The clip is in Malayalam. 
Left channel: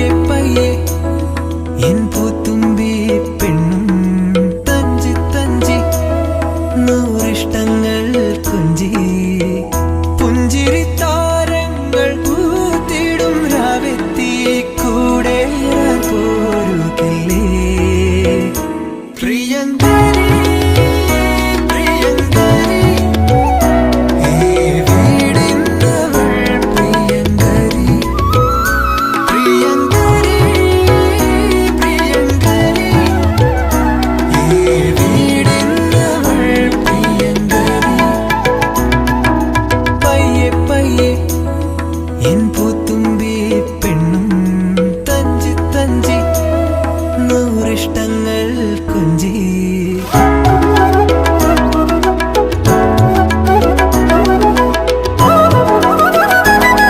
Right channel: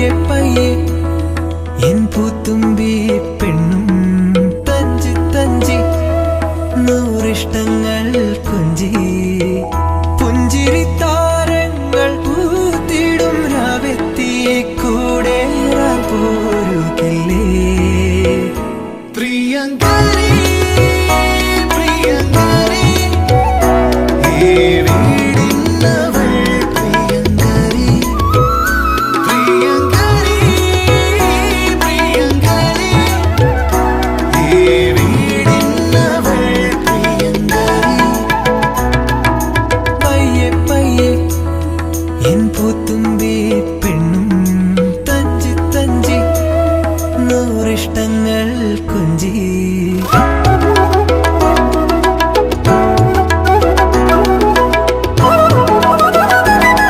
പയ്യെ പയ്യെ എൻ പൂത്തുമ്പി പെണ്ണും തഞ്ചി തഞ്ചി നൂറിഷ്ടങ്ങൾ കൊഞ്ചി പുഞ്ചിരി താരങ്ങൾ പൂത്തിടും രാവെത്തി കൂടെ പോരുകില്ലേ എൻ പൂത്തുമ്പി പെണ്ണും തഞ്ചി തഞ്ചി നൂറിഷ്ടങ്ങൾ കൊഞ്ചി